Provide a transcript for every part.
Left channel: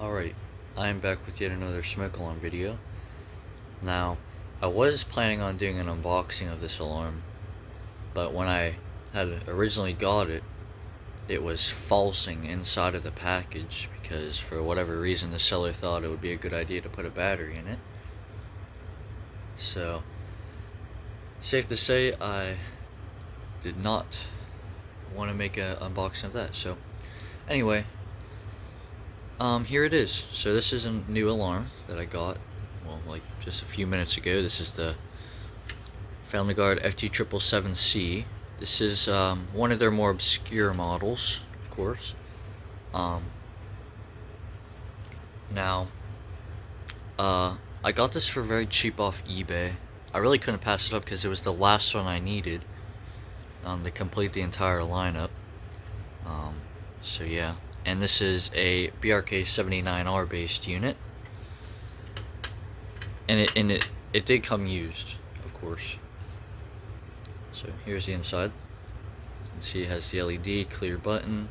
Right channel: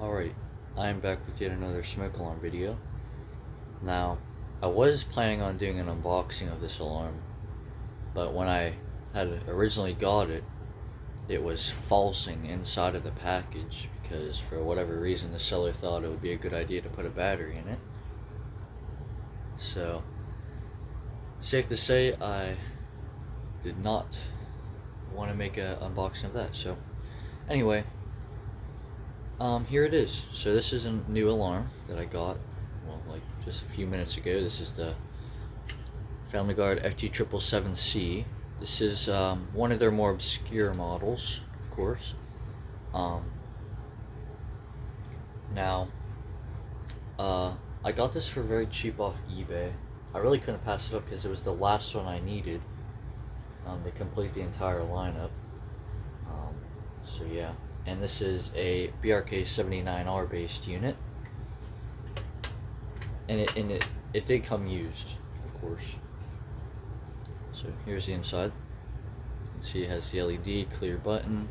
Alright, I'm back with yet another smoke alarm video. Now, I was planning on doing an unboxing of this alarm, but when I had originally got it, it was falsing inside of the package because for whatever reason the seller thought it would be a good idea to put a battery in it. So, safe to say I did not want to make an unboxing of that. So, anyway, here it is. So this is a new alarm that I got, well, like just a few minutes ago. This is the Gard FG777C. This is one of their more obscure models, of course. Now, I got this for very cheap off eBay. I really couldn't pass it up because it was the last one I needed to complete the entire lineup. So yeah. And this is a BRK79R based unit, and it did come used, of course. So here's the inside. You can see it has the LED, clear button,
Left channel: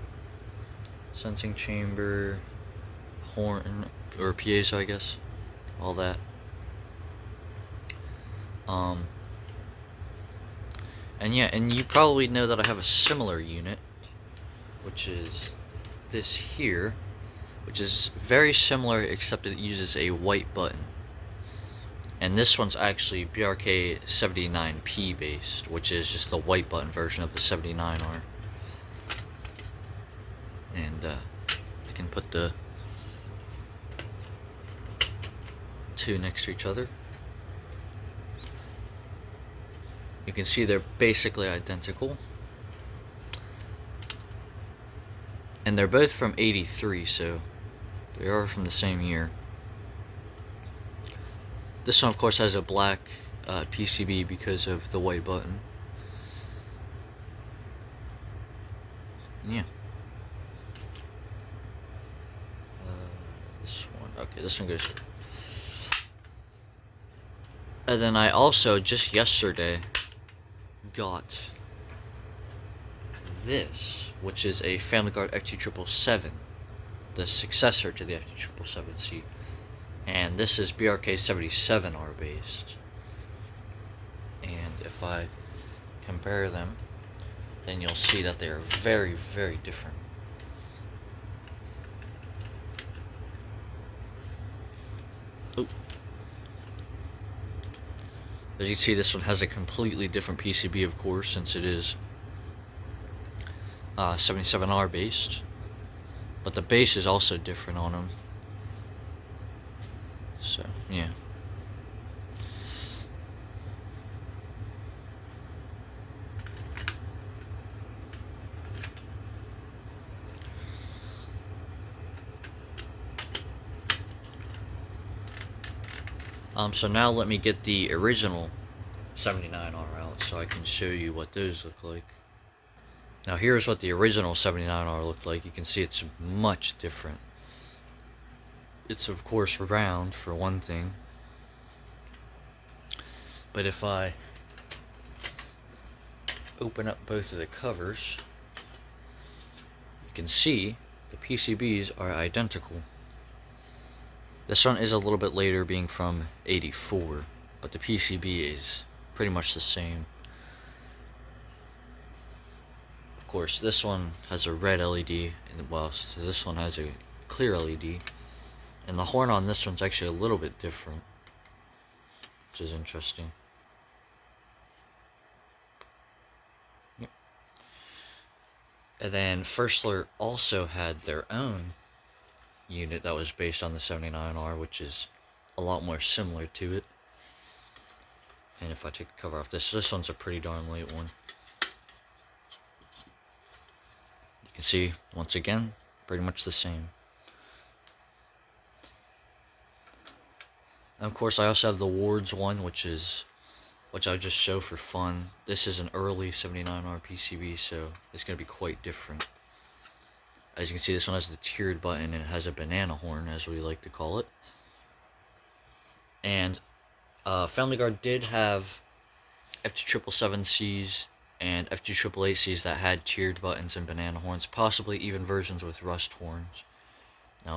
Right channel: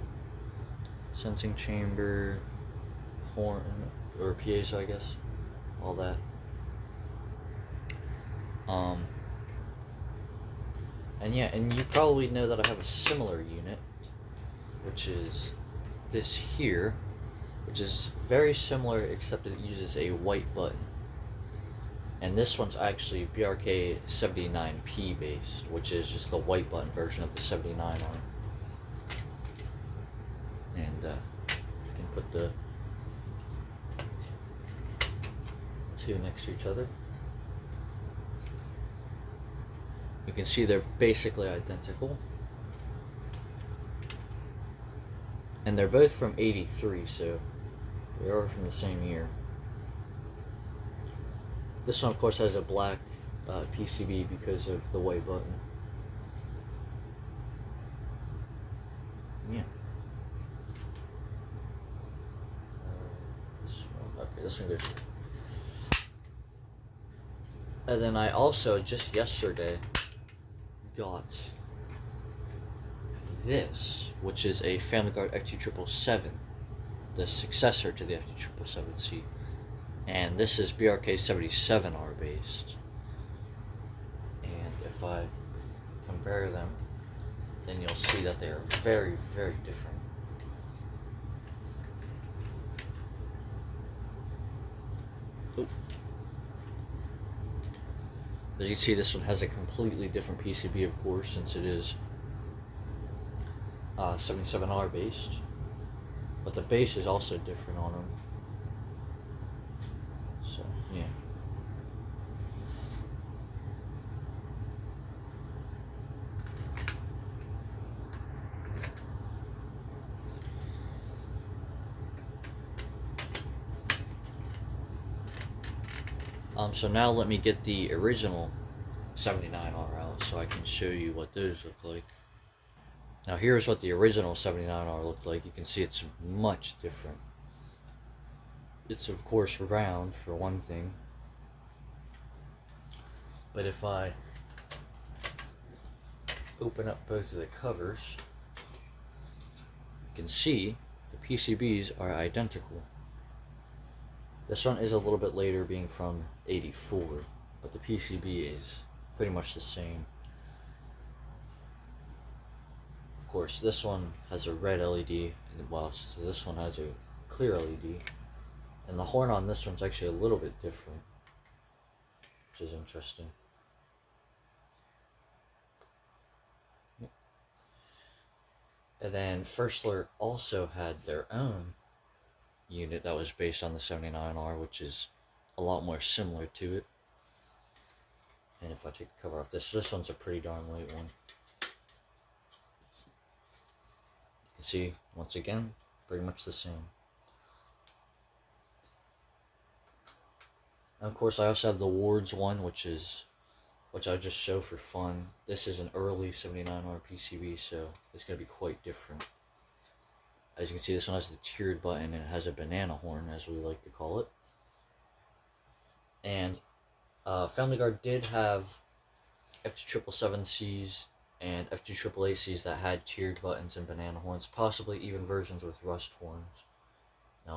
sensing chamber, horn or piezo, I guess, all that. And yeah, and you probably know that I have a similar unit, which is this here, which is very similar except it uses a white button, and this one's actually BRK79P based, which is just the white button version of the 79R. And I can put the two next to each other. You can see they're basically identical. And they're both from '83, so they are from the same year. This one, of course, has a black PCB because of the white button. Yeah. This one, okay, this one goes here. And then I also, just yesterday, got this, which is a Gard FG777, the successor to the FG777C, and this is BRK77R based. And if I compare them, then you'll see that they are very, very different. Ooh. As you can see, this one has a completely different PCB, of course, since it is 77R based, but the base is also different on them. So yeah. So now let me get the original 79R out so I can show you what those look like. Now here's what the original 79R looked like. You can see it's much different. It's of course round for one thing. But if I open up both of the covers, you can see the PCBs are identical. This one is a little bit later, being from '84, but the PCB is pretty much the same. Of course, this one has a red LED, and whilst this one has a clear LED, and the horn on this one's actually a little bit different, which is interesting. Yep. And then Firstler also had their own unit that was based on the 79R, which is a lot more similar to it. And if I take the cover off, this one's a pretty darn late one. You can see, once again, pretty much the same. And of course, I also have the Wards one, which I just show for fun. This is an early 79R PCB, so it's going to be quite different. As you can see, this one has the tiered button and it has a banana horn, as we like to call it. And Gard did have FG777Cs and FG888Cs that had tiered buttons and banana horns, possibly even versions with rust horns.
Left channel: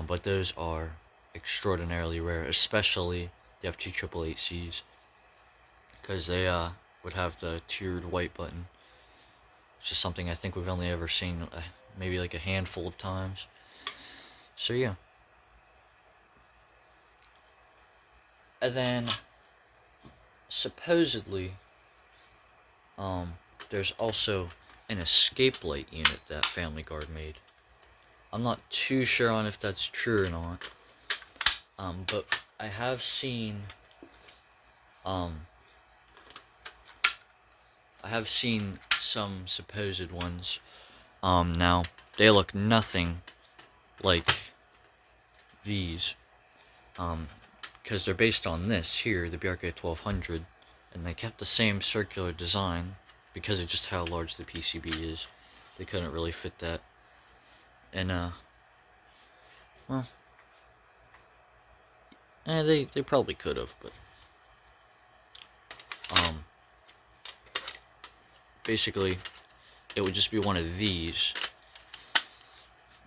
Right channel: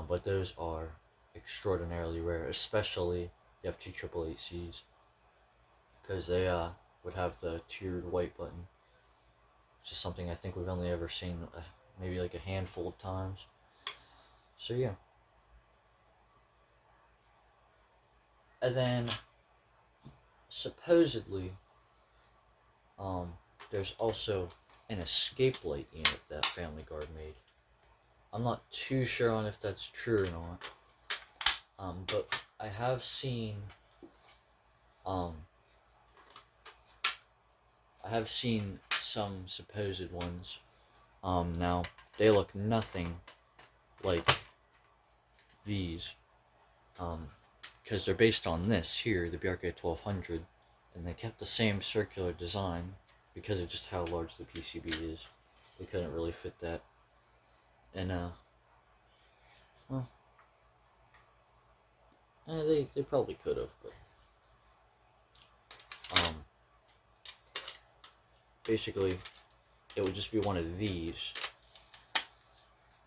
But those are extraordinarily rare, especially the FG777Cs, because they would have the tiered white button, which is something I think we've only ever seen maybe like a handful of times. So yeah. And then supposedly there's also an escape light unit that Family Guard made. I'm not too sure on if that's true or not. But I have seen some supposed ones. Now they look nothing like these. Because they're based on this here, the BRK 1200, and they kept the same circular design because of just how large the PCB is. They couldn't really fit that. And well, they probably could have, but basically it would just be one of these,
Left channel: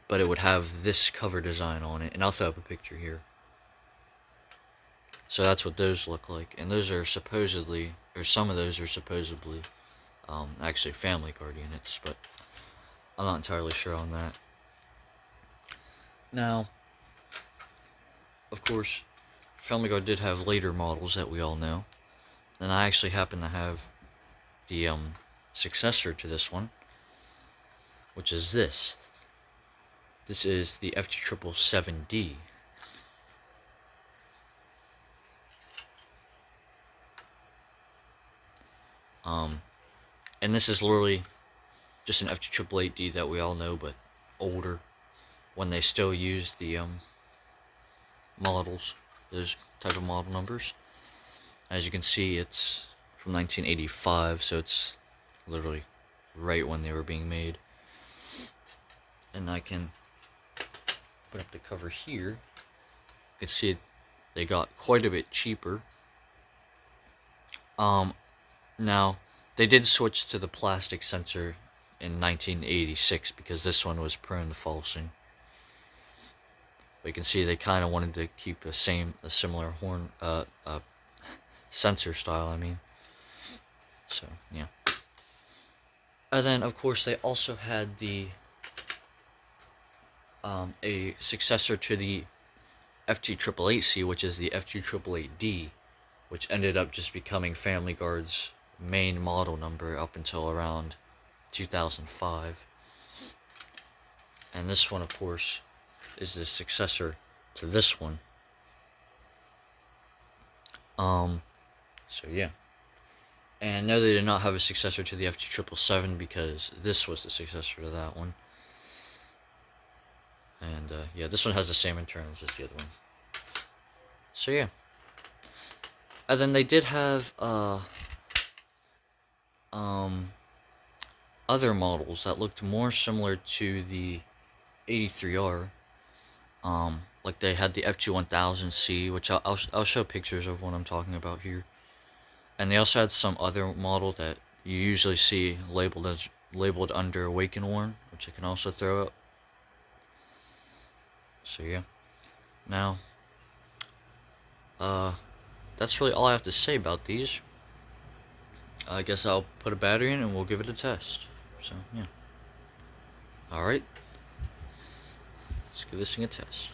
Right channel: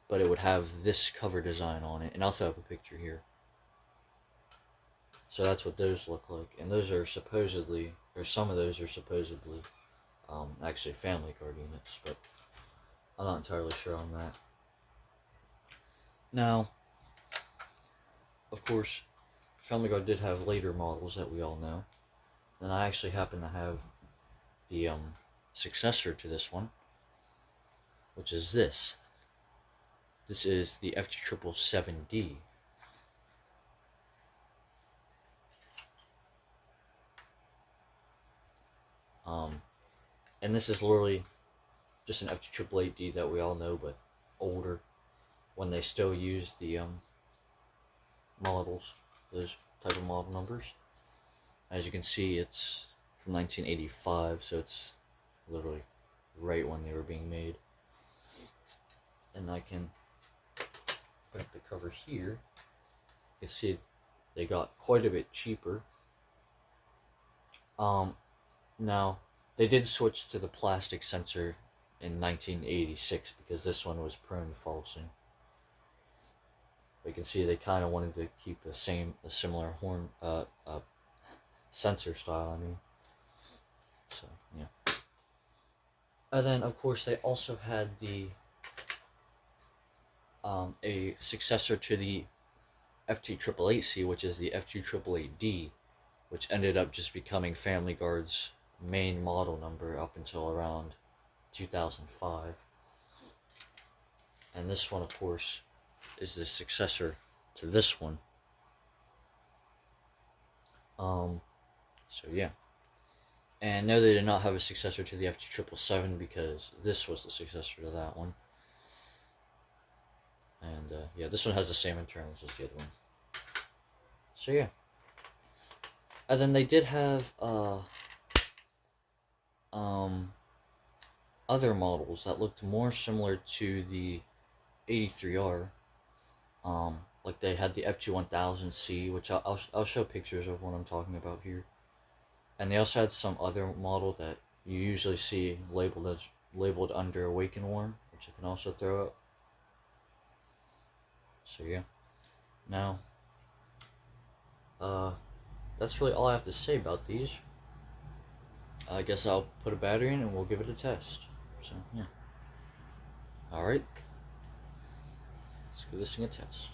but it would have this cover design on it, and I'll throw up a picture here. So that's what those look like, and those are supposedly, or some of those are supposedly, actually Family Guard units, but I'm not entirely sure on that. Now, of course, Family Guard did have later models that we all know, and I actually happen to have the successor to this one, which is this. This is the FG777D. And this is literally just an FG888D that we all know, but older, when they still use the models, those type of model numbers. As you can see, it's from 1985, so it's literally right when they were being made. And I can put up the cover here. You can see they got quite a bit cheaper. Now, they did switch to the plastic sensor in 1986 because this one was prone to falsing. But you can see they kind of wanted to keep a similar horn, sensor style, I mean. So, yeah. And then, of course, they also had the, a successor to the FG888C, which is the FG888D, which ended up just becoming Family Guard's main model number up until around 2005. And this one, of course, is the successor to this one. So yeah. And no, they did not have a successor to the FG777 because this was the successor to that one. And yeah, this one has the same internals as the other one. So yeah. And then they did have other models that looked more similar to the 83R. Like they had the FG1000C, which I'll show pictures of what I'm talking about here. And they also had some other model that you usually see labeled under Wake and Warn, which I can also throw up. So yeah. Now, that's really all I have to say about these. I guess I'll put a battery in and we'll give it a test. So, yeah. Alright. Let's give this thing a test.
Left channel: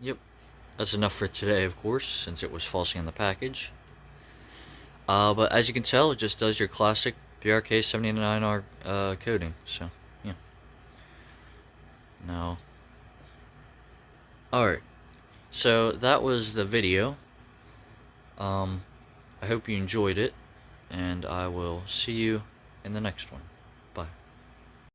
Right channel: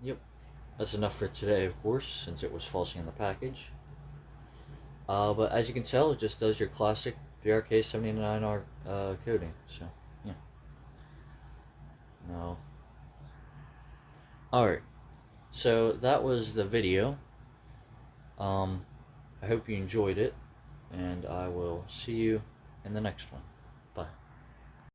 Yep. That's enough for today, of course, since it was falsing in the package. But as you can tell, it just does your classic BRK79R coding. So, yeah. Now. Alright. So that was the video. I hope you enjoyed it, and I will see you in the next one.